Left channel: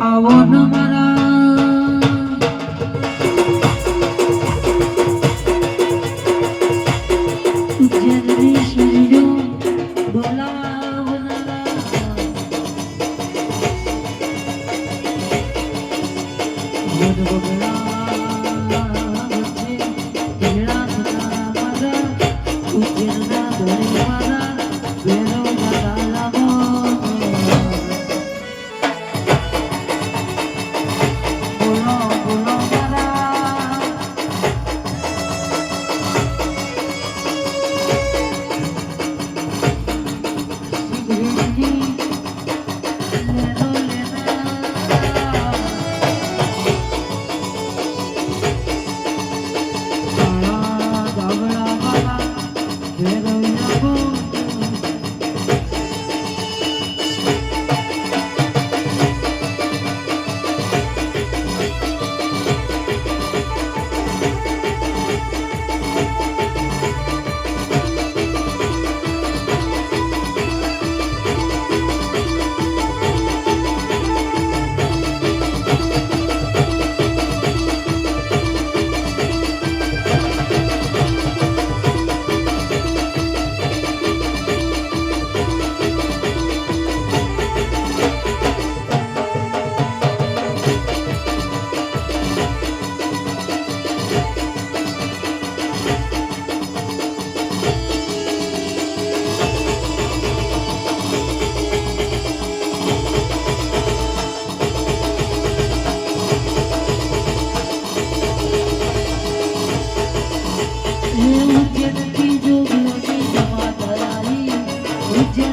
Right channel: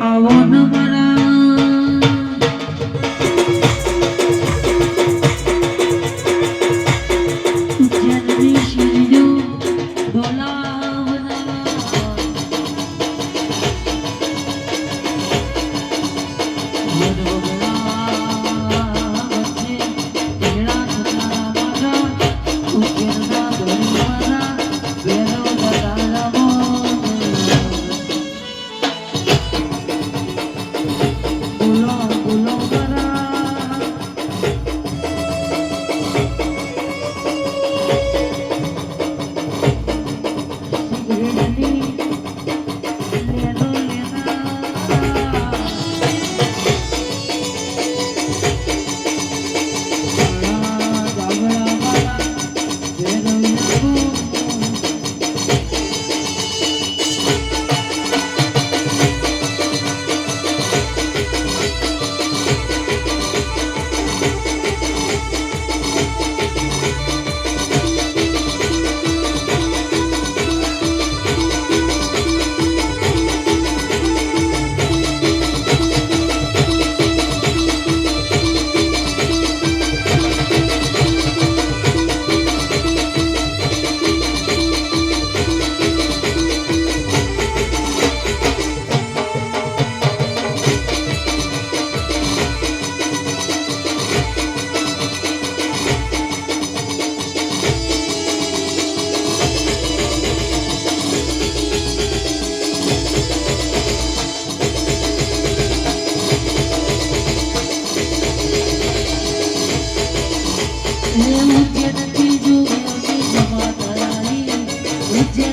આવો ન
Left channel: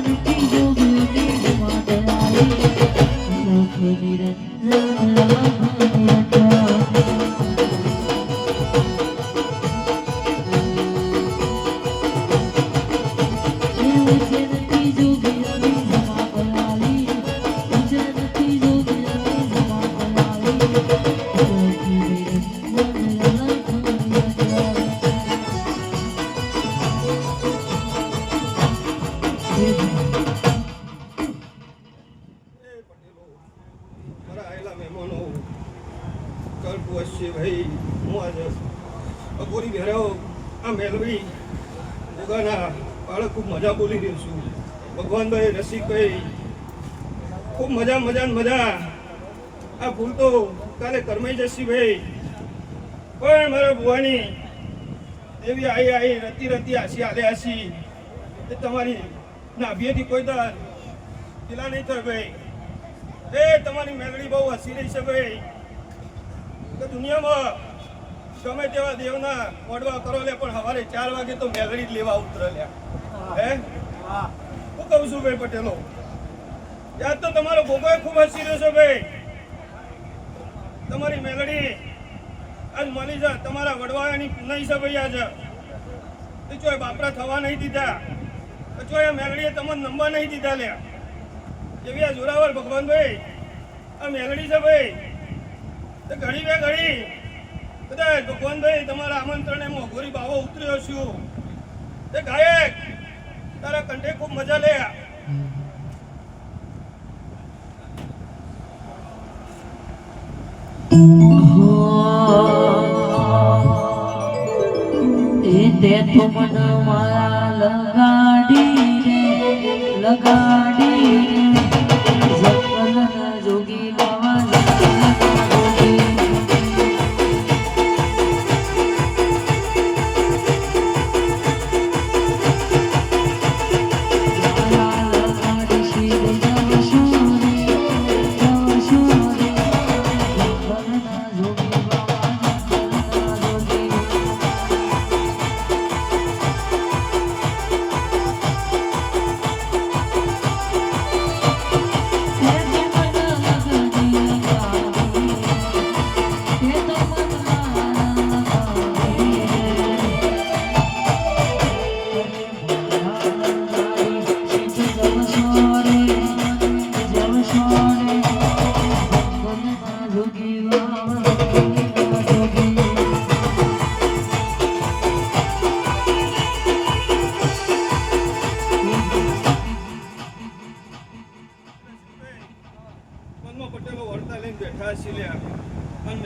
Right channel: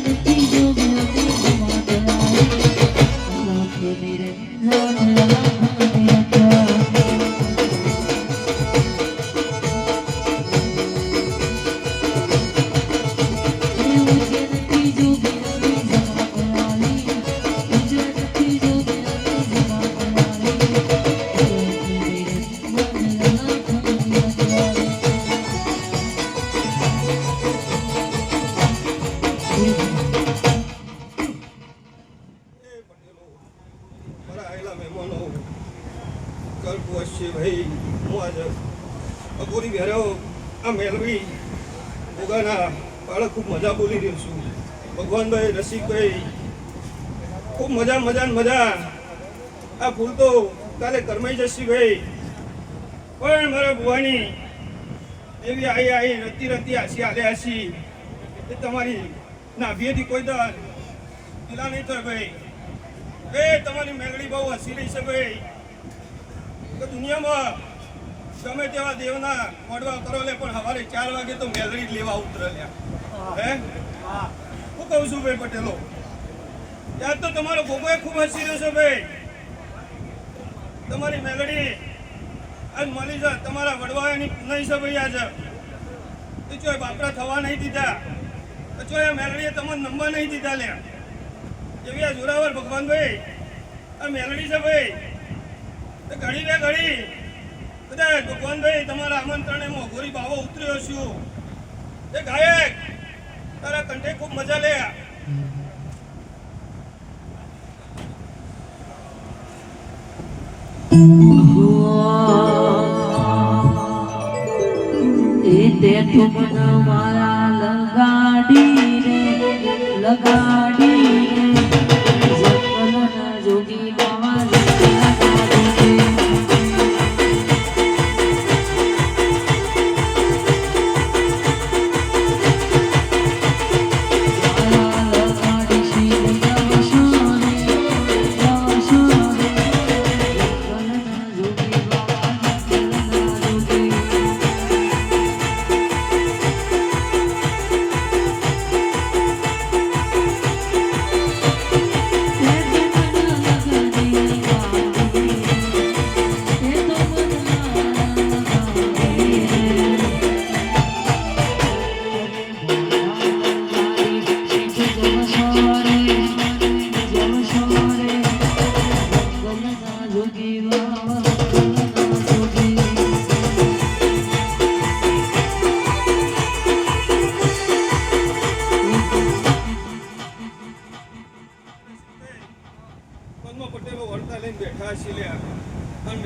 you. અકોરી ભેરવ આ મેળવી ભોગાના બાળક ખૂબ મજા બોલી રહ્યો છું. ભગવાનભાઈ રસિકભાઈ ખૂબ મજા મજા મજા. આ ભૂલ તો કાલે કરમાઈ જશે ભાઈ. પણ મારા ભુવાની એવી આઈ આઈ રતી રતી હાસી હાલે હાસી. એ તમારી નાભીએથી કોઈ દર પેલા નહીં થાય ભાઈ. એ તમારી મેળડી બહુ હસી રહી છે ભાઈ. દુનિયામાં ગમે તેવા દેવના મોડવા કરો લે પણ સવારે ચાર વાગે તો મેલડી જ લેવા ઉતરે લ્યા હે? હું કહું છું ભાઈ પટેલો યાદ તો તમારો ગોગો ખૂબ હસી રહ્યો છે ભાઈ. તમારી મેલડી આજ મળી છે તમારા વડવાયાની નહીં છે ભાઈ આજે. ચોય બાપરા થવા નહીં દીધા પછી ચોય મેલડીએ તમને નંબર નહીં દીધા લ્યા. એવી આ જોરાવર ભગવાનભાઈ આ મેલડી છે ભાઈ. તો ઘડી બે ઘડી કદાચ ભગવાનભાઈ તમારા આમંત્રણે મોઘોરી બાવો ઉતર્યો છું. તે ગાયક, તારા કંઠે ખૂબ મજા લે તે તો મન મારા લગાડી રે, લગાડી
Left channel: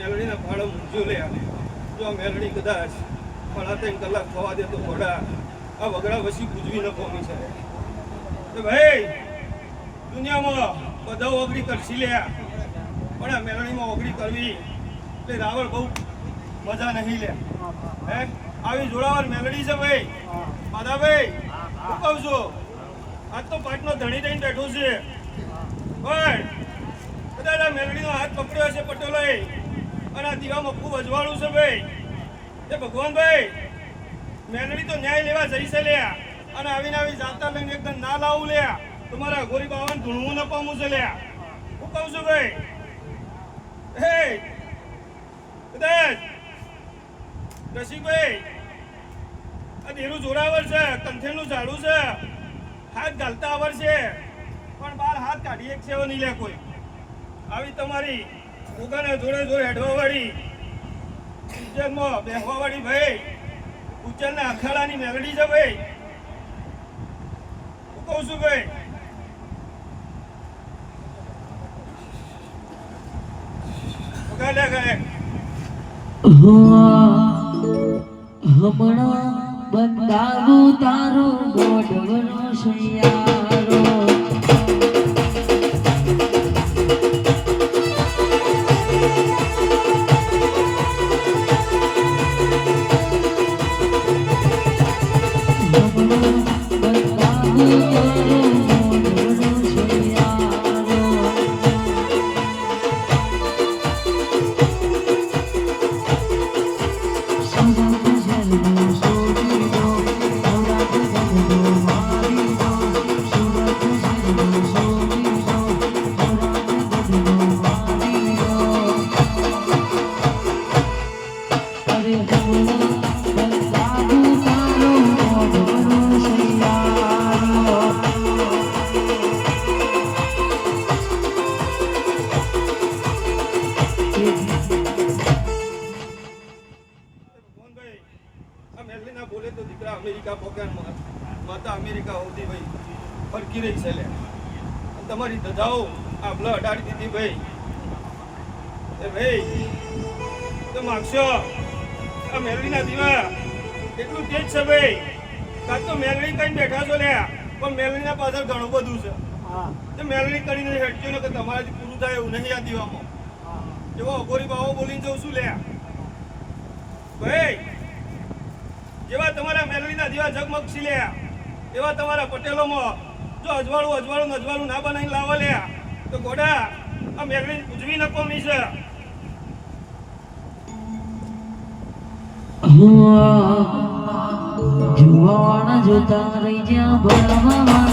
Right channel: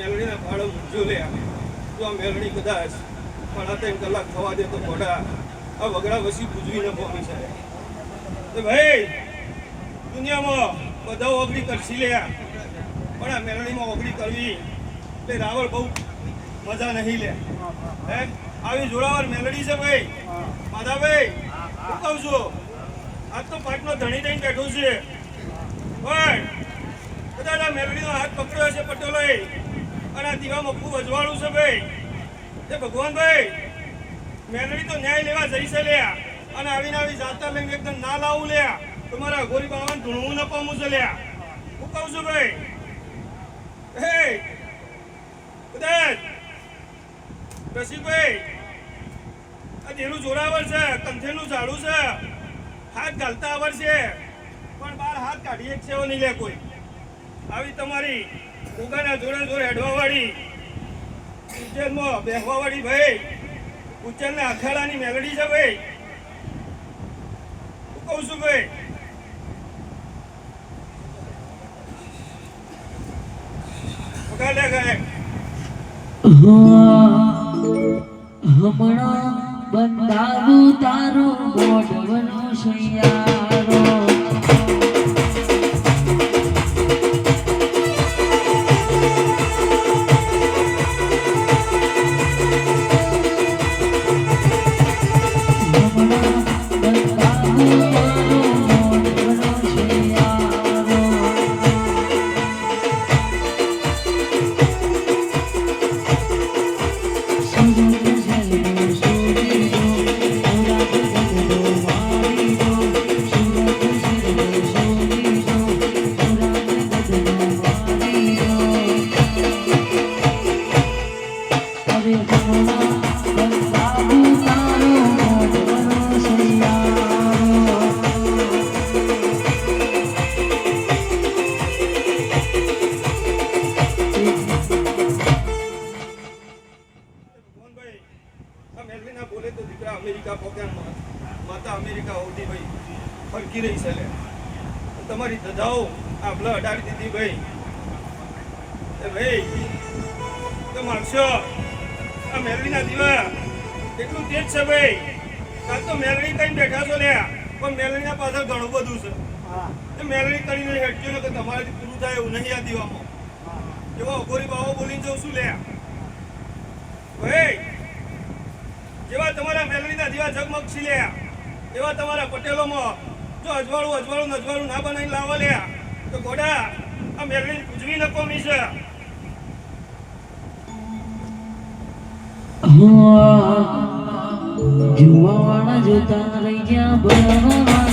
અને મેલડીના ભાડો લે જો આ મેળણી કદાચ પણ ત્રણ કલાક થવા દે તો ઘોડા આ વગડા વસી પૂજવી ન પામે છે તો ભાઈ, દુનિયામાં બધા ઓગળી કરશી લ્યા. પણ આ મેળણીમાં ઓગળી કરવી એટલે રાવળ બહુ મજા નહીં લે. હે આવી જોડાવાર મેલડી છે ભાઈ. માધાભાઈ હું કહું છું આજ તો પાટનો ધણી થઈને બેઠો છે. પણ કદાચ આ મેલડીનો હાથ પકડ્યો છે પટેલોએ. અને આ દીવામાં ખૂબ અજવાળું છે ભાઈ. એ ભગવાન ભાઈ, મેલડી તો ન્યાય લેવા જઈ છે લ્યા. અને આવીને આવી જાતા લઈને એકદમ ના લાવું લ્યા. તમારા અઘોરી બાવાને ધૂણવું ન પામું છે લ્યા. હું કહું છું ભાઈ, હે, કદાચ રસિકભાઈ, આ દેરું જોરાવર છે કંથેનું ઝાડું છે, હાથ ગાલતા આવડશે. પણ બાર હાથ કાઢી એક સેવો નહીં લે કોઈ. આવી તમારી ઉગાના જોડે જોડે હેડવા ઉજ્જૈનમાં બેહવા ભાઈ, ઉજ્જૈનના અખાડાની મેલડી છે ભાઈ. હું કહું છું ભાઈ હમણાં બંધાવું તારું બોડવનો સૈયારો અને આ આભલા અડાડી દીધી ભાઈ. એ ભાઈ તો માગશો. આ મેરલીના દીવા. એટલું તેજ છે ભાઈ. કાલ તો મેરલી કઈ બેઠા છો લ્યા. પણ મેરલીના પાછળ ઘણું બધું છે. તો મેરલી કરીને હેડજો ને કે તમારાથી પૂરું થાય એવું નહીં આ દીવામાં. એવો અઘોરી બાવો બોલીને જઉં છું લ્યા. ભાઈ જેવા તમારા મેલડીના દીવા ઝગમગ છીલ્યા એવા તમારા પટેલોમાં જો અજવાળું અજવાળું અજવાળું ના બનાવીને લાવવા લ્યા તો ગોડા, આ મેલડી પૂજવી નકો છે. જુવાન જોતા રહી ગયા બળવા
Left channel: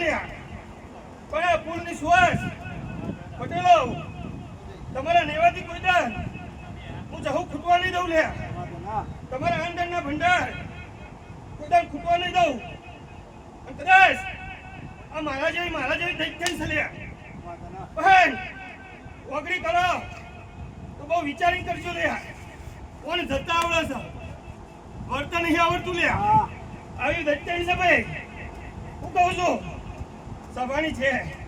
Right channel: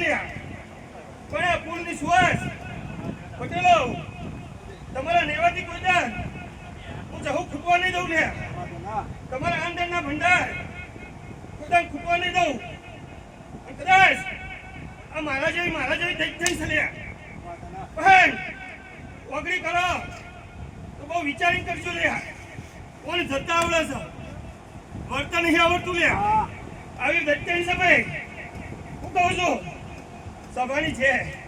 જાય લે પણ આ ફૂલની સુવાસ? પટેલો તમારા નેવાથી કોઈ દાન? હું જહું ખૂટવા નહીં દઉં લે તમારા અંદરના ભંડાર. કોઈ ખૂટવા નહીં દઉં. અને કદાચ આ મારા જેવી મારા જેવી થઈ જઈ છે લે બહેન ઓગળી કરો. તો બહુ વિચારી કરજો લે કોણ જતા આવડે છે? વર્તન નહીં આવડતું લે આવી દત્તા હિસાબે હું કહું છું સભાની છે.